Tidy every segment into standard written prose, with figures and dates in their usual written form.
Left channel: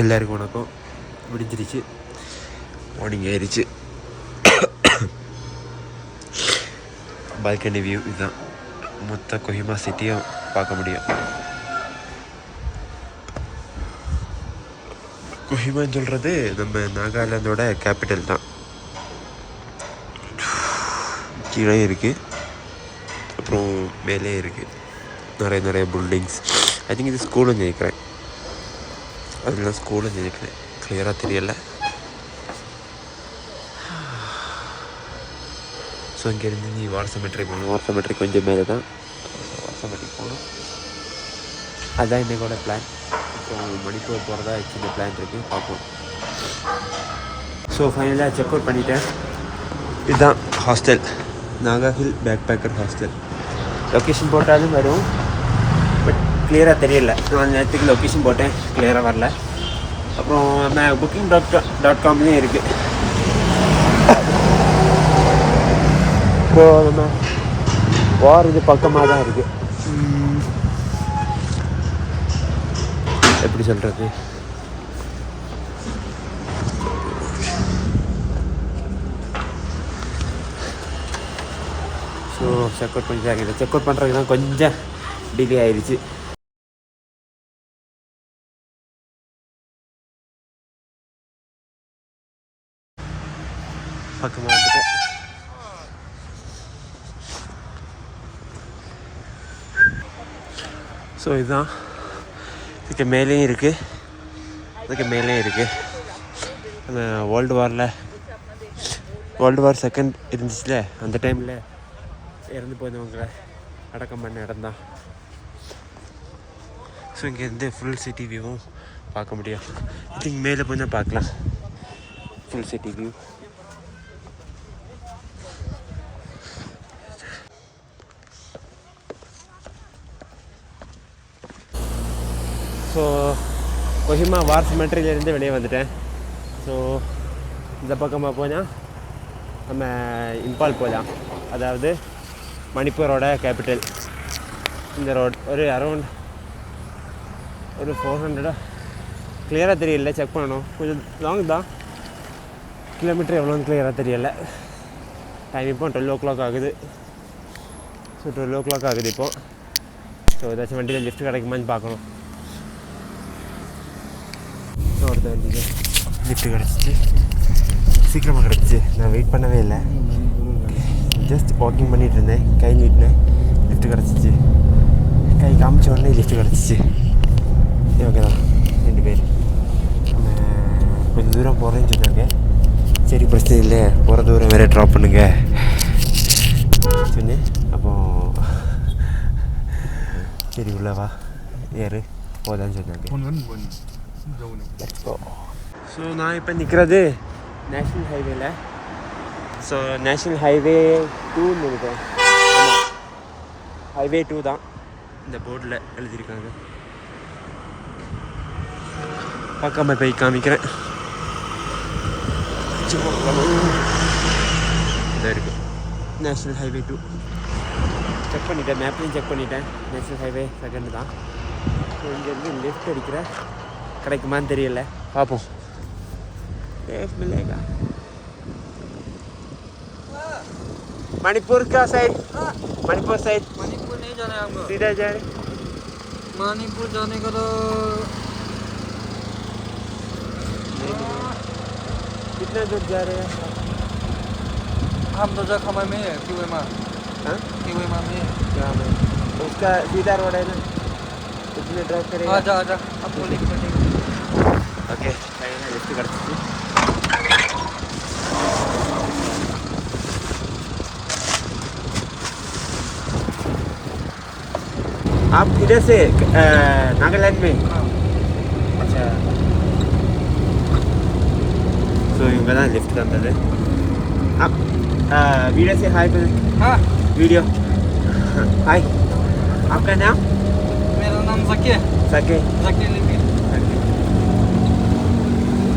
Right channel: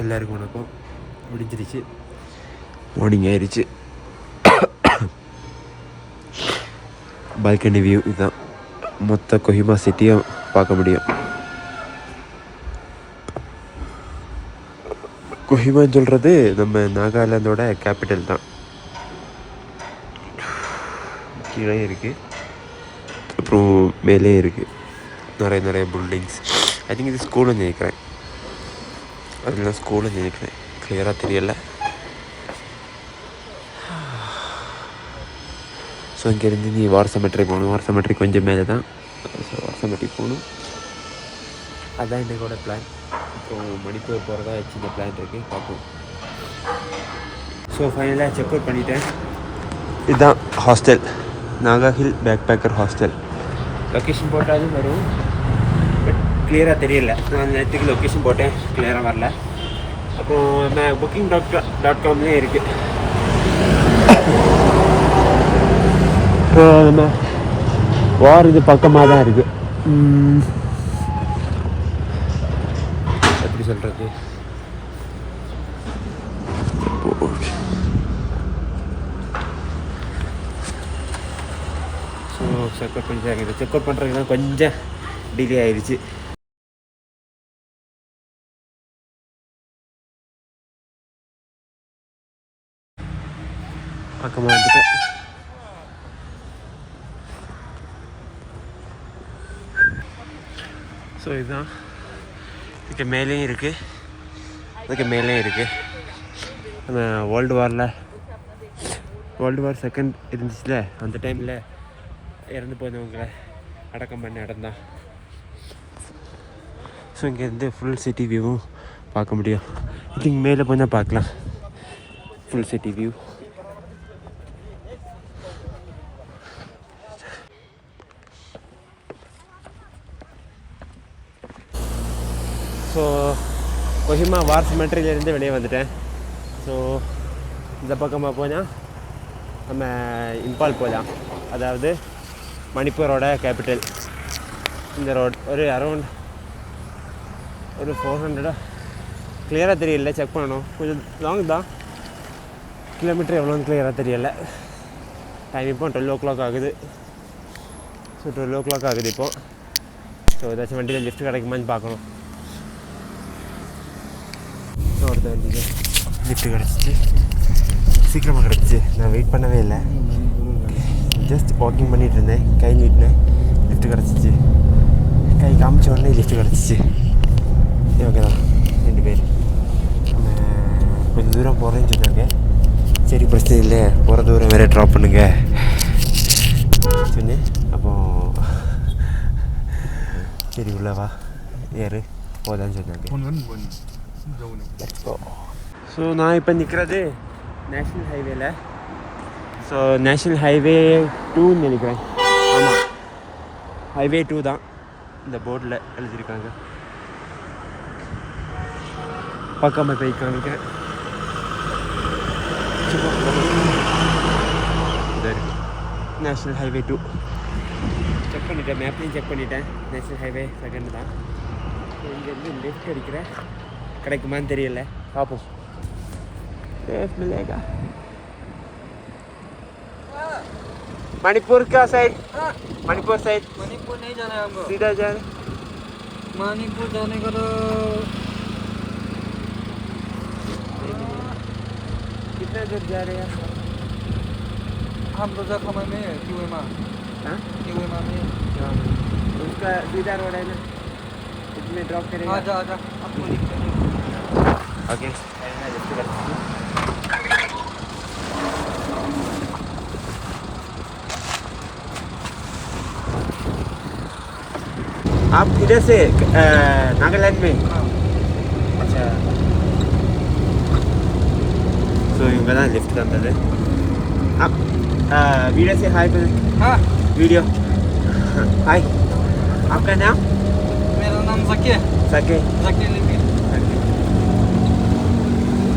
எல்லாருக்கும் வணக்கம். விடிஞ்சிருச்சு, மார்னிங் ஆயிடுச்சு. பால்கனி வியூ இதுதான். மொத்த கொஹிமா சிட்டியும் பார்க்க முடியும். கொஹிமான்னு சொல்கிறது நம்ம நாகாலாந்தோட கேபிட்டல் தான். கீழே இருக்குது, அப்புறம் மேலே இருக்குது நிறைய பில்டிங்ஸ். ஐ திங்க் இது ஸ்கூலுன்னு நினைக்கிறேன். அதெல்லாம் ஸ்கூலுன்னு நினைக்கிறேன், கிளியராக தெரியலை. ஸோ இங்கேருந்து நீ வார் செமெட்ரி போகணும். வார் செமெட்ரி கொஞ்சம் மேலே தான். வார் செமெட்ரி போகணும், அதுதான் இன்றைக்கோட பிளான். அப்புறம் மணிப்பூர் போகிறதா சின்ன பிளான் இருக்குது, பார்ப்போம். ஸோ ஃபைனலாக செக் அவுட் பண்ணிட்டேன். இதுதான் hostel, Naga hill backpacker hostel. Location போட்டாலும் வரும், பட் கிளியராக தெரியல. நான் நேரத்துக்கு லொக்கேஷன் போட்டேன், கிளியராக வரல. அப்புறம் நம்ம booking.comலேயும் இருக்குது. நம்ம வார் இது பக்கமாக தான் இருக்குது. எப்படி சொல்கிறது, ஸோ செக் அவுட் பண்ணி செக் அவுட் பண்ணுறதுலாம் கொஞ்சம் டிலே ஆயிடுச்சு. பக்கமாக வந்துட்டு ஸோ இதுதான். இதுக்கு மேலேயும் இருக்குது, இதுக்கு மேலேயும் இருக்குது. நம்ம வேர்ல்டு வார் செகண்ட் இருந்துச்சுல, அந்த டைமில் இறந்து போனவங்களை அடக்கம் பண்ண இடம் தான். ஸோ இங்கேருந்து ஃபுல் சிட்டி வியூவும் பார்க்க முடியும். இதுக்கு மேலே போனால் பார்க்கலாம் full city view. So Kohima war செமெட்ரியிலேருந்து வெளியே வந்துட்டேன். ஸோ இந்த பக்கமாக போனால் நம்ம இம்பால் போகலாம், அதாவது மணிப்பூரோட கேபிட்டல். இந்த ரோட் ஒரு அரௌண்ட் ஒரு 400 கிளியராக தெரியல, செக் பண்ணணும். கொஞ்சம் லாங் தான், கிலோமீட்டர் எவ்வளோன்னு கிளியராக தெரியலை. டைம் இப்போ 12 o'clock ஆகுது. ஸோ 12 o'clock ஆகுது இப்போது. ஸோ ஏதாச்சும் வண்டியில் லிஃப்ட் கிடைக்குமான்னு பார்க்கணும். ஸோ அடுத்த வண்டியில் லிஃப்ட் கிடச்சிச்சு, சீக்கிரமாக கிடச்சிச்சு. நான் வெயிட் பண்ணவே இல்லை, ஜஸ்ட் வாக்கிங் பண்ணிகிட்டு இருந்தேன், கை நீட்டினேன், லிஃப்ட் கிடச்சிச்சு. கை காமிச்ச உடனே லிஃப்ட் கிடச்சிச்சு. ஓகே தான், 2 பேர் கொஞ்சம் தூரம் போகிறேன்னு சொன்னாங்க. சரி பிரச்சனை இல்லை, போகிற தூரம் வேறு ட்ராப் பண்ணுங்க சொன்னேன். அப்போ சரி உள்ளவா ஏறு போதான்னு சொன்னாங்க. ஸோ நான் இப்போ நிற்கிறது நேஷ்னல் ஹைவேல. ஸோ நேஷ்னல் ஹைவே 2 நினைக்கிறேன். ஹைவே 2 தான் இந்த போர்டில் எழுதியிருக்காங்க. பக்கமாக போய் காமிக்கிறேன். இதாக இருக்குது நேஷ்னல் ஹைவே 2. செக் பண்ணிட்டேன், மேப்லையும் செக் பண்ணிட்டேன். நேஷ்னல் ஹைவே செகண்ட் தான். ஸோ இங்கேருந்து லெஃப்ட் அடிக்கிறேன், கிடைக்குமான்னு தெரியல, பார்ப்போம். लेफ्ट मिलेगा मणिपुर का साइड. मणिपुर साइड, मणिपुर नहीं जाना है हमको, सीधा जा रहे. मणिपुर जाने का तो कितना दूर जा रहे हैं हम तो जगह हमें में है किवेमा. हाँ किवेमा में है. उसका सीधा रोड है ना, इसमें ड्रॉप करेगा. आजा आपको लिफ्ट नहीं. ओके टाइम है, लिफ्ट करते हैं. आप किधर से नागालैंड में? अच्छा. सो इनका ना लिफ्ट का अंदर है. आप वीडियो से हाय कर. हाँ वीडियो हाय. आपका नाम? मेरा नाम ज़की. ज़की लिपि.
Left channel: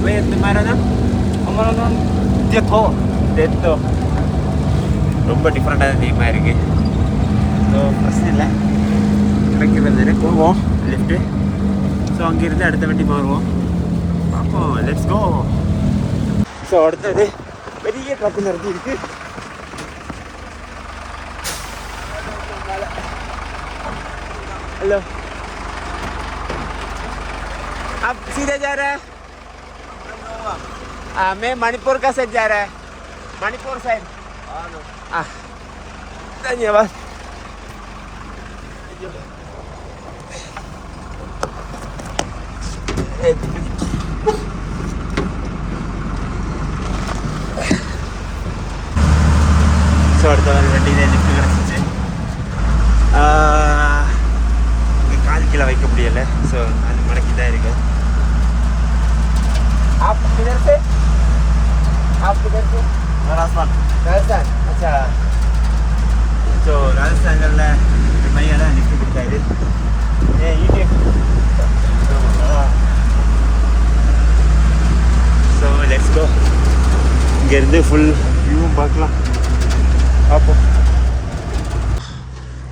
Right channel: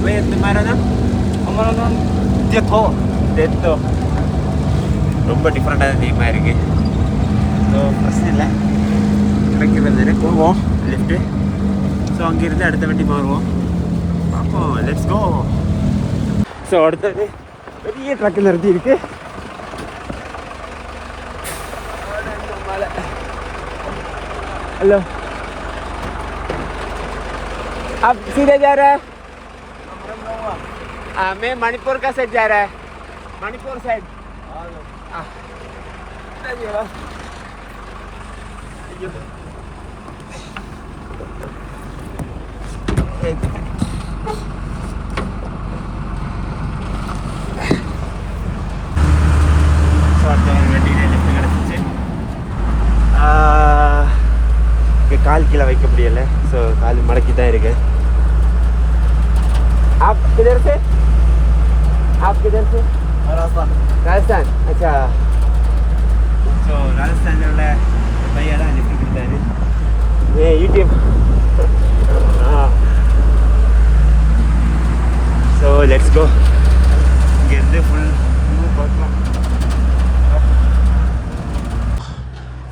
भैया तुम्हारा नाम? हमारा नाम डेथो. ரொம்ப டிஃப்ரெண்டான நேமாக இருக்குது. ஸோ பிரச்சனை இல்லை, கிடைக்கிறது போவோம் லிஃப்ட்டு. ஸோ அங்கேருந்து அடுத்த வண்டி மாறுவோம். Let's go. ஸோ அடுத்தது பெரிய ட்ரக்கு நிறுத்தி இருக்கு. हेलो, आप सीधे जा रहे हैं? मैं मणिपुर का साइड जा रहा है. मणिपुर साइड. धन्यवाद. வண்டியில லிஃப்ட் கிடச்சிச்சு. கால் கீழே வைக்க முடியலை. ஸோ கால் மடக்கி தான் இருக்கு. ராஜஸ்தான். अच्छा. ஸோ ராஜஸ்தானில் ஒரு பையன் தான் லிஃப்ட் கொடுத்தாரு. யூடியூப். So let's go. இங்கேருந்து ஃபுல் வியூவும் பார்க்கலாம். அப்போ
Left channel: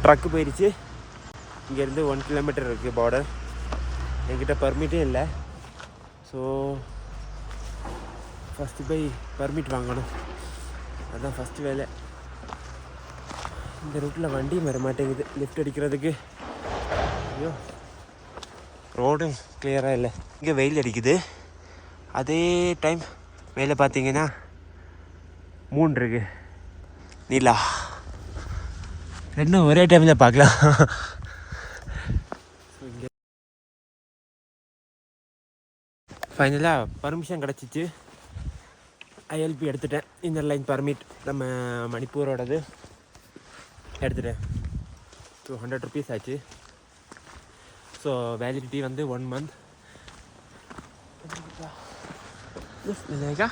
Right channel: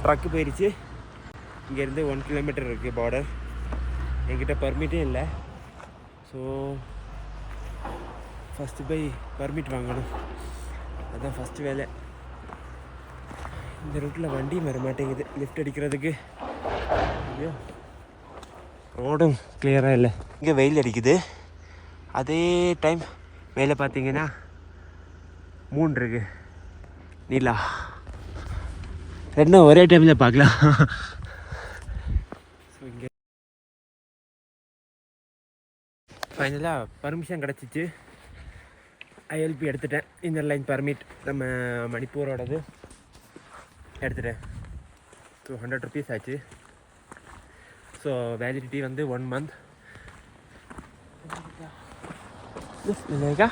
ட்ரக்கு போயிடுச்சு. இங்கேருந்து 1 கிலோமீட்டர் இருக்குது பார்டர். என்கிட்ட பர்மிட்டே இல்லை. ஸோ ஃபஸ்ட்டு போய் பர்மிட் வாங்கணும். அதுதான் ஃபஸ்ட்டு வேலை. இந்த ரூட்டில் வண்டி வர மாட்டேங்குது லிஃப்ட் அடிக்கிறதுக்கு. ஐயோ, ரோடும் கிளியராக இல்லை. இங்கே வெயில் அடிக்குது. அதே டைம் மேலே பார்த்தீங்கன்னா மூன் இருக்கு, நீலா. ரெண்டும் ஒரே டைமில் பார்க்கலாம். இங்கே ஃபைனலாக பர்மிஷன் கிடச்சிச்சு. ஐஎல்பி எடுத்துட்டேன். இன்னர் லைன் பர்மிட் நம்ம மணிப்பூரோடது எடுத்துட்டேன். 200 rupees ஆச்சு. ஸோ வேலிடிட்டி வந்து 1 month. मिलेगा.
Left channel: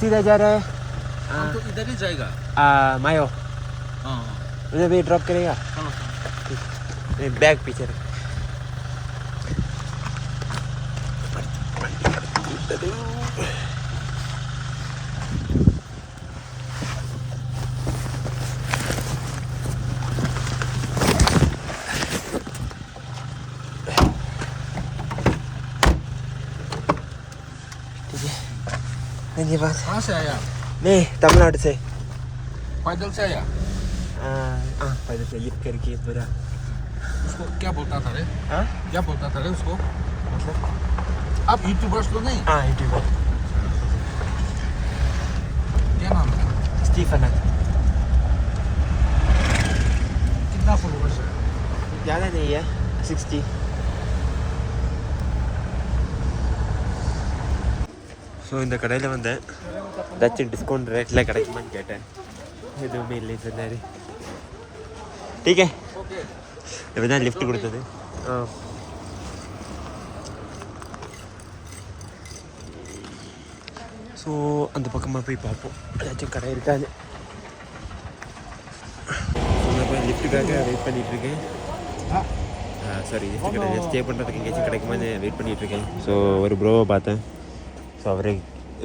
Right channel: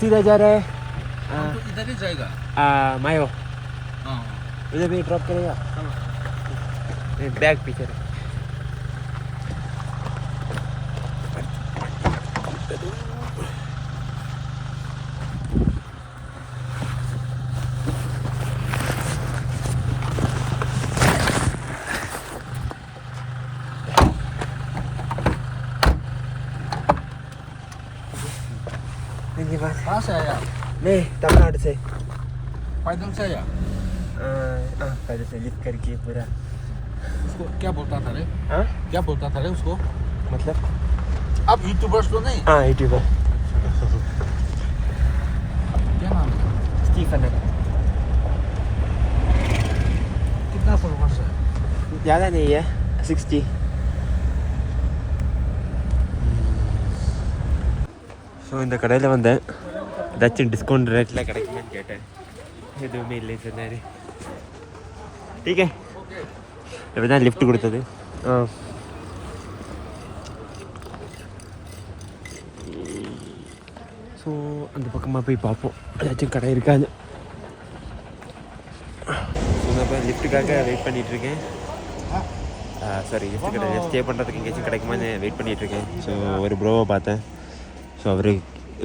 सीधा जा रहा है. तो इधर ही जाएगा. मायो हाँ मुझे भी ड्रॉप करेगा. हाँ. बैग पीछे रख. धन्यवाद. कहाँ से आया? मैं तमिलनाडु से. पैदल से आया? पैदल से लिफ्ट करके पूरा. उसको क्या बोलता था रे? हाँ, क्या बोलता था रे उसको? मतलब आप यूट्यूबर्स तो नहीं? हाँ यूट्यूबर. क्या नाम है? स्टीफन. कितना फॉलोवर्स है? ज़्यादा नहीं है, 60. ஸோ இந்த கடையில் வந்தேன். ஏதாச்சும் டிஸ்கவுண்ட் ரேட்டில் கிடைக்குமான்னு கேட்டேன். எதுவுமே இல்லைன்னு சொன்னார். டீக்கே இப்போ தான் லிஃப்ட் கொடுத்தது. ஸோ அந்த பக்கமாக போய் பார்ப்போம் ஏதாச்சும் கடை இருக்காது. ஸோ நான் போய் லிஃப்ட்டுக்காக வெயிட் பண்ணிகிட்ருக்கேன். சாரி, லிஃப்ட் கடை ஸ்டே பண்ணுறதுக்கு எங்கேயாச்சும் கிடைக்குமான்னு வெயிட் பண்ணிகிட்ருக்கேன். ஸோ ஒரு ப்ரோவை பார்த்தேன். ஸோ அவர்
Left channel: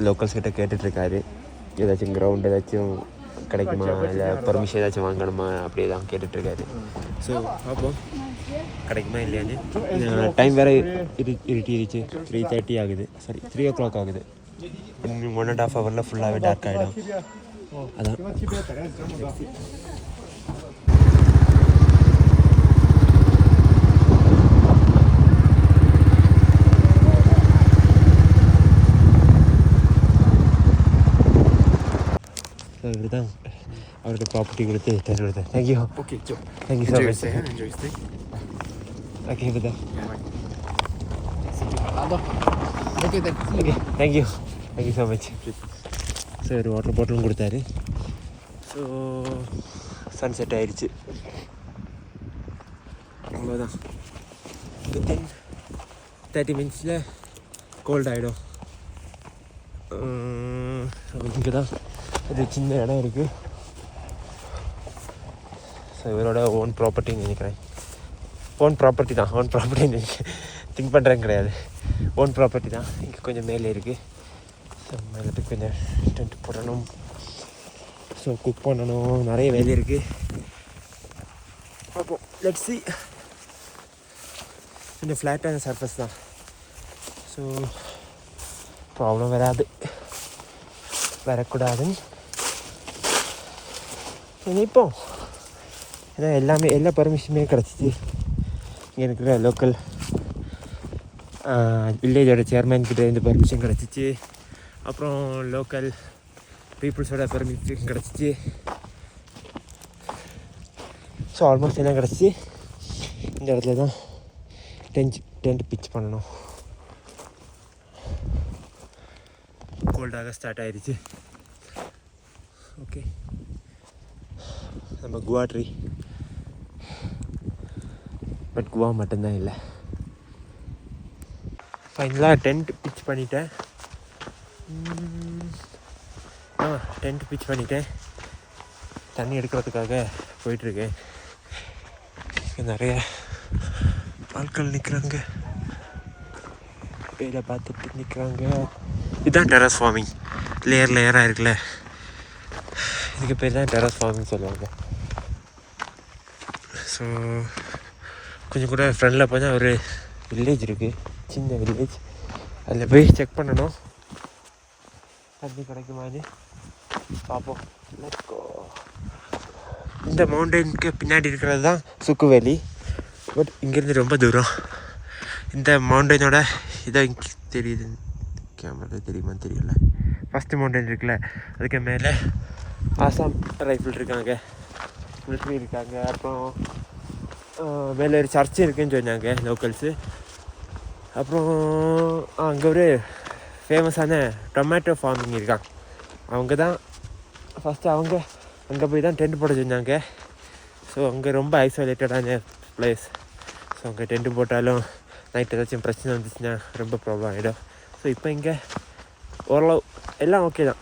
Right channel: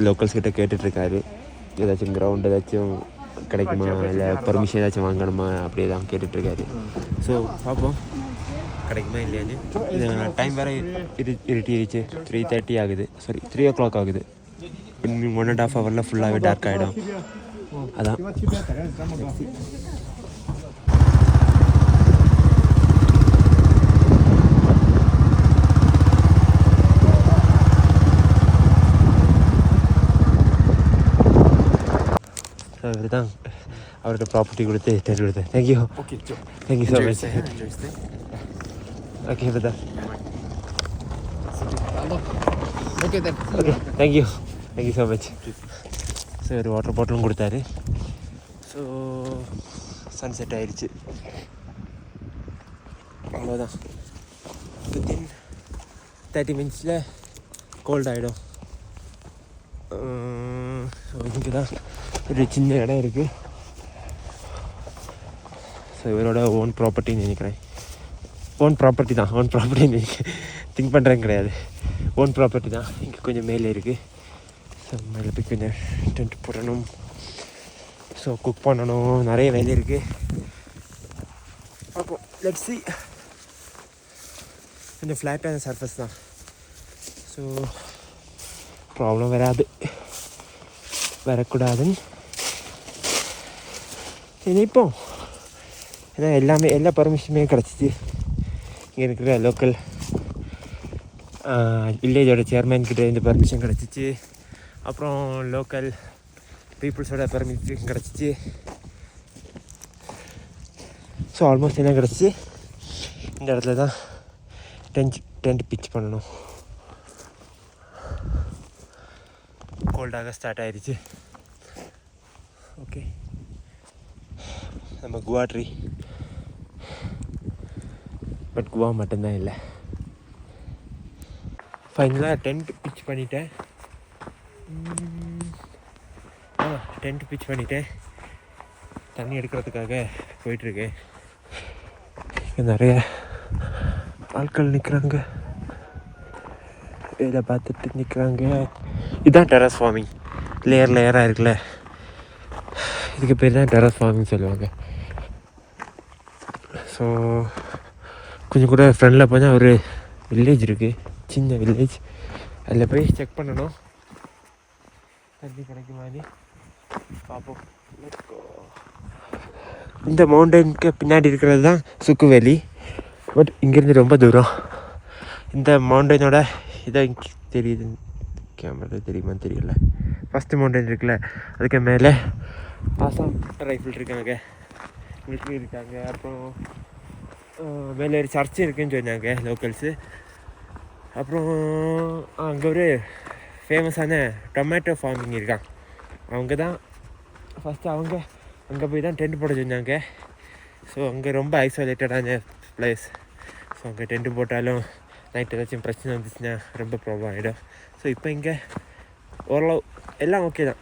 லோக்கல்ஸ் கிட்ட கேட்டுட்ருக்காரு ஏதாச்சும் கிரவுண்ட் ஏதாச்சும் கிடைக்குமா, இல்லை பர்மிஷன் ஏதாச்சும் வாங்கணுமா அப்படி ஏதாவது கேட்டுட்ருக்காரு. ஸோ பார்ப்போம் கிடைக்குமா இல்லையான்னு. டைம் வேறு இருட்டிடுச்சு. 3:30 ஆகுது. சாரி 3 o'clock ஆகுது. இன்னும் 1.5 hour ஃபுல்லாகவே டார்க் ஆகிடும். அதான் அவர் தான் அவரோட ப்ராப்பர்ட்டி கொடுத்து டெல் கொடுத்தேன். Thank you. Okay, Joe. Thank you so Enjoy your much. stay. Enjoy your stay. Okay brother. Hello. Okay then. Okay thank you. Thank you so much. So ஒரு வாட்டர் பாட்டிலும் கொடுத்தாரு. ஸோ சன்செட் ஆயிடுச்சு. அவ்வளோதான். வித்தின் 30 minutes கோல்ட் ஆகிடும். So இங்கே தான் ஒரு சின்ன இடம் இருக்குது. ஸோ இவரோட ஓன் ப்ராப்பர்ட்டின்னு நினைக்கிறேன். ஓன் ப்ராப்பர்ட்டி தான். ஓன் ப்ராப்பர்ட்டி திங்க் பண்ணுறேன் கிடையாது. ஓன் ப்ராப்பர்ட்டி தான். இங்கே கொஞ்சம் மேலே இருக்குது. மறுபடியும் கொஞ்சம் டென்ட் போடணும். ஸோ குக் பண்ணணும். நிறைய வேலை இருக்குது. பார்ப்போம். Let's see. கொஞ்சம் ஃப்ளாட்டான சர்ஃபேஸ் தான், ஸோ ப்ராப்ளம் வரக்கூடாதுன்னு நினைப்போம். ஏன்னா எல்லா பர்மிஷனுமே கிடச்சிச்சு. இங்கே இருக்கிற லோக்கல் வில்லேஜோட சேர்மேன் கிட்ட இருந்து பர்மிஷன் கிடச்சிச்சு. அப்புறம் லோக்கல் பீப்புள்ஸோட பர்மிஷன் கிடச்சிச்சு. ஸோ ஆல்மோஸ்ட் எல்லாம் கிடச்சிச்சு. இந்த இடத்துல தான் டென்ட் பிச் பண்ணணும். கோல்டாக ஸ்டார்ட் ஆயிடுச்சு. ஓகே, நம்ம குவா ட்ரீ, பட் குவா மட்டும்தான் இல்லை. ஃபைனலாக டென்ட் பிச் பண்ணிட்டேன். டென்ட் பிச் பண்ணிட்டேன். தண்ணி எடுக்கிறதுக்காக போயிட்டுருக்கேன். நிறைய ஆட்கள் நிற்கிறாங்க, வேலை பார்த்துட்டு நிற்கிறாங்க. இதுதான் டெரஸ் ஃபார்மிங். லேயராக இருக்குல்ல, இதுக்கு பேர் தான் டெரஸ் ஃபார்மிங் சொல்லுவாங்க. ஸோ கொஞ்சம் கூட ஃப்ரெண்டில் போனால் ஒரு வில்லேஜ் இருக்குது, சின்ன வில்லேஜ். அதில் போய் செக் பண்ணணும் தண்ணி கிடைக்குமான்னு பார்ப்போம். இந்த மவுண்டனுக்கு பின்னாடி இருக்கிறது தான் சுக்கு வேலி. பட் இங்கேருந்து ரொம்ப தூரம். இந்த மவுண்டனோட இதை தெரியுது, கேமரா தெரியுமான்னு தெரியல. ஃபஸ்ட்டு மவுண்டன் இருக்குல்ல, அதுக்கு மேலே ஆசாம் ரைஃபிள் இருக்காங்க, மிலிட்ரி இருக்காங்க. அப்புறம் மேலே ஒரு சர்ச்சு இருக்குதுன்னு சொன்னாங்க லோக்கல்ஸு. அப்புறம் அங்கே ஒரு ஃபேமஸான டொமேட்டோ ஃபார்மிங் இருக்கான். அவங்க தான் ஃபஸ்ட்டு அங்கே போய் தான் டென்ட் போட சொன்னாங்க. ஸோ அங்கே ரொம்ப ஐசோலேட்டடான பிளேஸ். ஸோ அங்கே டென்ட்டு போட்டாலும் நைட் ஏதாச்சும் பிரச்சனை வந்துச்சுன்னா ரொம்ப ப்ராப்ளம் ஆகிடும். ஸோ இப்போ இங்கே ஓரளவு எல்லாம் ஓகே தான்.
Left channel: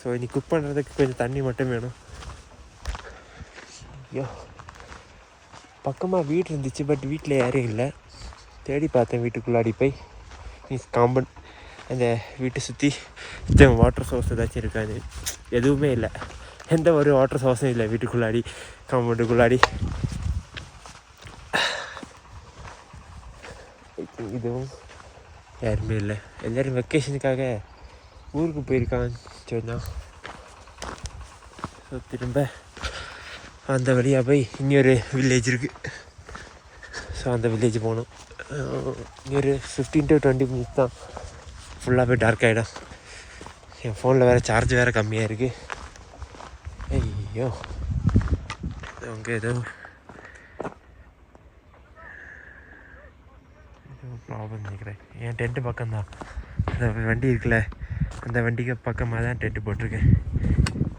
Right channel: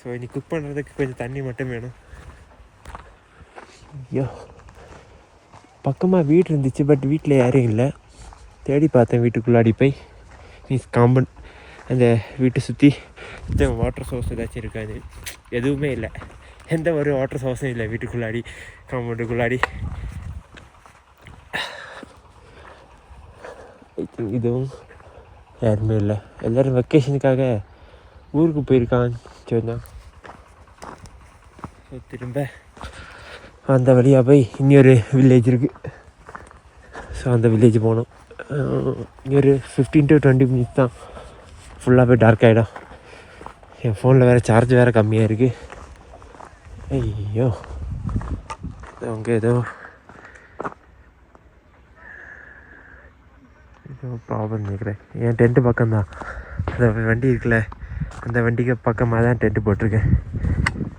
ஸோ இனி குக் பண்ணுறதுக்கு கொஞ்சம் தண்ணி மட்டும் வேணும். ஐயோ, பக்கமாக வீடு இருந்துச்சு, பட் வீட்டில் யாரும் இல்லை. தேடி பார்த்தேன் வீட்டுக்குள்ளாடி போய். காம்பவுண்ட் அந்த வீட்டை சுற்றி வாட்டர் சோர்ஸ் ஏதாச்சும் இருக்காது, எதுவுமே இல்லை. எந்த ஒரு வாட்டர் சோர்ஸும் இல்லை வீட்டுக்குள்ளாடி, காம்பவுண்டுக்குள்ளாடி. இதுவும் யாருமே இல்லை. எல்லோரும் வெக்கேஷனுக்காக ஊருக்கு போயிருக்கான்னு சொன்னான். ஸோ திரும்ப அந்த வழியாக போய் இன்னொரு வில்லேஜ் இருக்குது. ஸோ அந்த வில்லேஜ் போகணும். இன்னொரு 15 to 20 minutes தான், ஃபுல்லாகவே டார்க் ஆகிடும். என் ஃபோனில் வேறு சார்ஜ் வேறு கம்மியாக இருக்குது. ஐயோ, அவங்க ஏதோ ப்ராப்ளம் நினைக்கிறேன். என் டென்ட்டு பக்கம்தான், அந்த வண்டி இருக்குல்ல, அந்த வண்டிக்கு பக்கமாக தான் டென்ட்டு போட்டிருக்கேன்.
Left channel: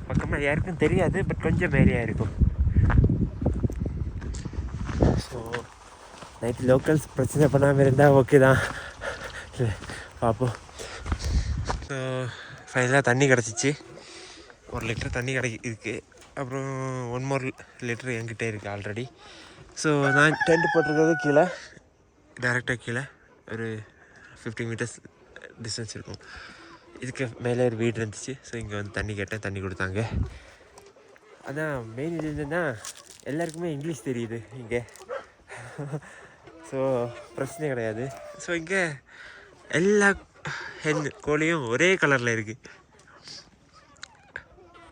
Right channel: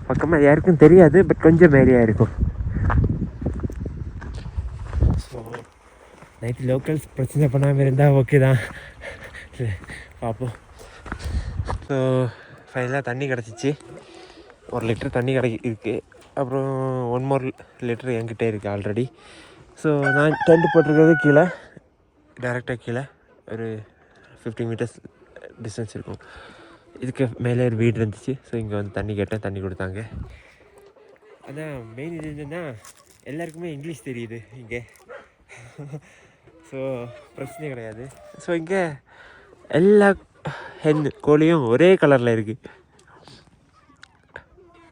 பக்கமாக யாருக்கும் தெரியாது, பட் கொஞ்சம் மேலேயாக இருக்கும். ஸோ நைட்டு லோக்கல்ஸ் பிரச்சனை பண்ணாமல் இருந்தால் ஓகே தான், பார்ப்போம். ஸோ ஃபைனலாக தண்ணி கிடச்சிச்சு. 1 லிட்டர் தண்ணி இருக்குது. அப்புறம் 1 more லிட்டர் என்கிட்ட இருக்குது ஆல்ரெடி. ஸோ நான் டென்ட் போட்டிருக்கிறது கீழே, டேரெக்டாக கீழே ஒரு 50 meters டிஸ்டன்ஸ் இருக்கும். இதுக்கு மேலே ஒரு வீடு இருந்துச்சு. ஸோ இங்கே வந்து தண்ணி கேட்டேன், தண்ணி கொடுத்தாங்க. ஆனால் மெயின் இது என்னென்னா, எல்லாருக்குமே இங்கிலீஷ் தெரியுது இங்கே. ஸோ பிரச்சனை கிடையாது. ஸோ இங்கே எல்லா கோழியும் ஒரே கலரில் இருக்குது.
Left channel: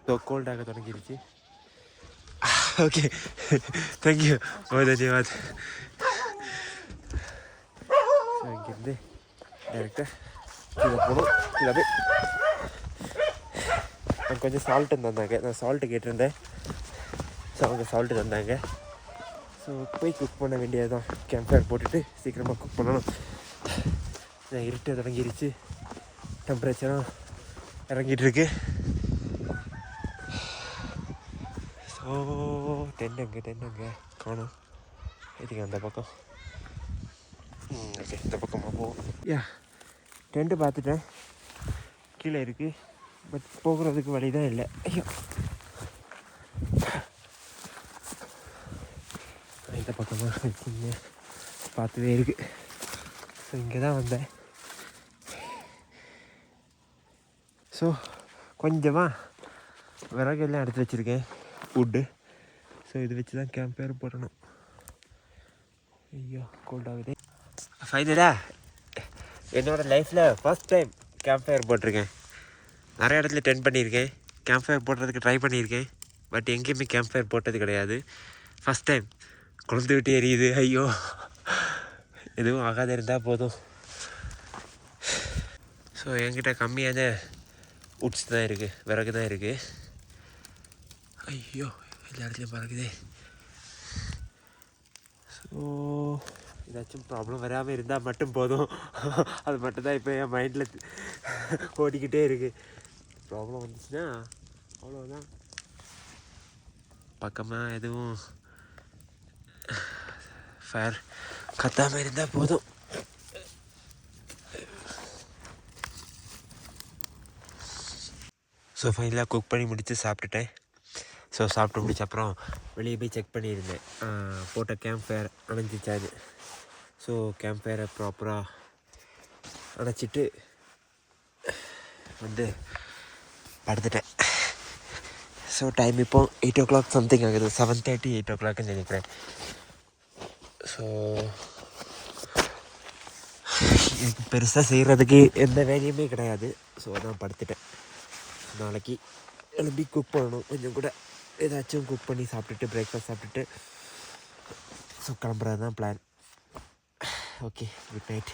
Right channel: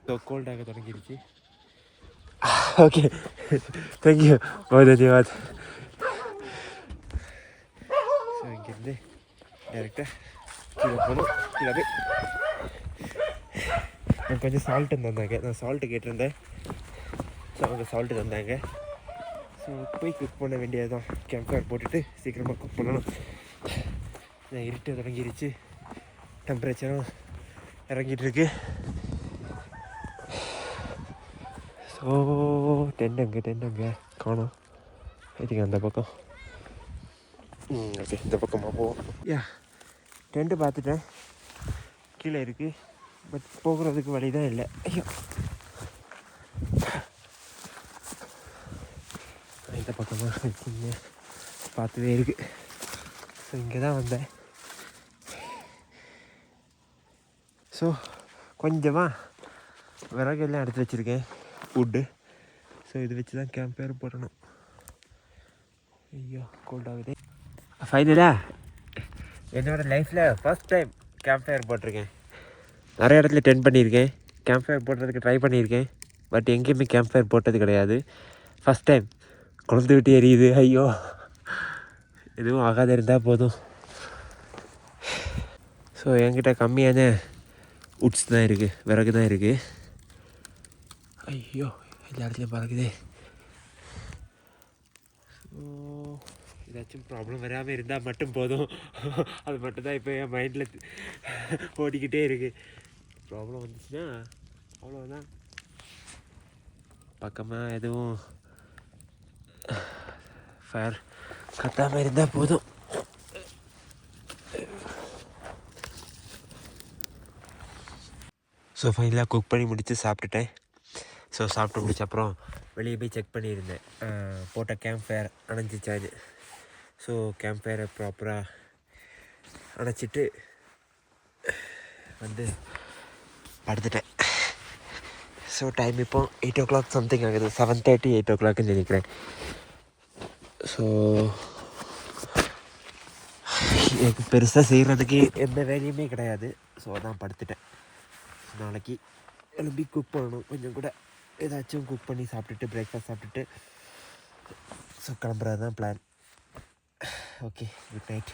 ஸோ கோல்டாக தொடங்கிடுச்சு. ஓகே, தேங்க்யூ, बहुत धन्यवाद. ஸோ இங்கேருந்து டேரெக்டாக கீழே போகணும். கீழே போய் எனக்கு கொஞ்சம் சால்ட்டு தந்தாங்க. நான் சால்ட்டு கேட்டிருந்தேன். ஸோ அவங்க சால்ட்டு தந்தாங்க. ஸோ போய் குக் பண்ண வேண்டியது தான். கேம்ப் ஃபயர் போட்டுட்டு சீக்கிரமாக குக் பண்ணணும். இருட்டு தொடங்கிடுச்சு, டெம்பரேச்சரும் இறங்கிட்டுருக்கு. ஸோ டென்ட் அங்கே காணும். இதுக்கு அந்த பக்கம் ஓகே, இந்த பக்கமாக போவோம். டென்ட்டு பார்த்துட்டேன், கீழே இருக்குது. பட் போகிறதுக்கு வழி தான் இல்லை. ஐயோ, இந்த பக்கமாக சின்ன பார்த்துவே இருக்குது. ஸோ இங்கே தான் வந்தேன். ஸோ கொஞ்சமாக விறகெல்லாம் எடுத்து வச்சுருக்கேன், ஃபுட்டு. ஸோ இது வச்சு தான் கேம்ப் ஃபயர் போடணும். ஐயோ கோல்ட் ஆகுது. ஃபைனலாக என்னோடய லைஃப்பில் ஃபஸ்ட் டைம் கேம்ப் ஃபயர் போட்டிருக்கேன். நிறைய இடத்துல டென்ட் பண்ணியிருக்கேன், கேம்ப் ஃபயர் போடுறதுக்கு ட்ரை பண்ணியிருக்கேன். பட் எங்கேயுமே கேம்ப் ஃபயர் போட்டது கிடையாது. ஃபஸ்ட் டைம் குழந்தை விட்டு எரியுது. ஐயோ எதுவும் ஆகாத இருந்தால் போதும். ஸோ என்கிட்ட கம்மியான உட்ஸ் தான் இருக்குது, விறகு தான் இருக்குது. ஐயோ எல்லா இடத்துலையும் பறக்குது. ஸோ ஏதாச்சும் ப்ராப்ளம் வராமல் இருந்தால் மட்டும் போதும். அது மட்டும்தான் இப்போ என் மைண்டில் ஓடிக்கிட்டே இருக்குது. ப்ராப்ளம் வந்துச்சுன்னா அவ்வளோதான். பக்கமாக எதுவும் ஃபயர் கத்தாமல் இருந்தால் போதும். ஸோ ஃபைனலாக குக் பண்ணி முடித்து சாப்பிட்டுட்டேன். ஸோ சாப்பிட்டு முடிச்ச அப்புறம் வெளியே போய் செக் பண்ணியிருந்தேன் போட்ட கேம்ப் ஃபயர் அணைஞ்சிச்சான்னு. ஸோ கேம்ப் ஃபயரை ப்ராப்பராக அணைச்சிட்டு வந்து படுத்துட்டேன். ஸோ டைம் இப்போ 8 o'clock சம்திங் ஆகுது. 7:30 8 o'clock நினைக்கிறேன். ஸோ எனக்கு பெருசாக செய்கிறதுக்கு எந்த வேலையுமே கிடையாது. ஸோ அதான் படுத்துட்டேன். நாளைக்கு எழுப்பி குக் பண்ணணும். கொஞ்சம் கூட ஏதாச்சும் குக் பண்ணி சாப்பிட்டுட்டு பிரேக்ஃபாஸ்ட் சாப்பிட்டுட்டு ஸோ கிளம்புறது தான் பிளான். Okay, good night.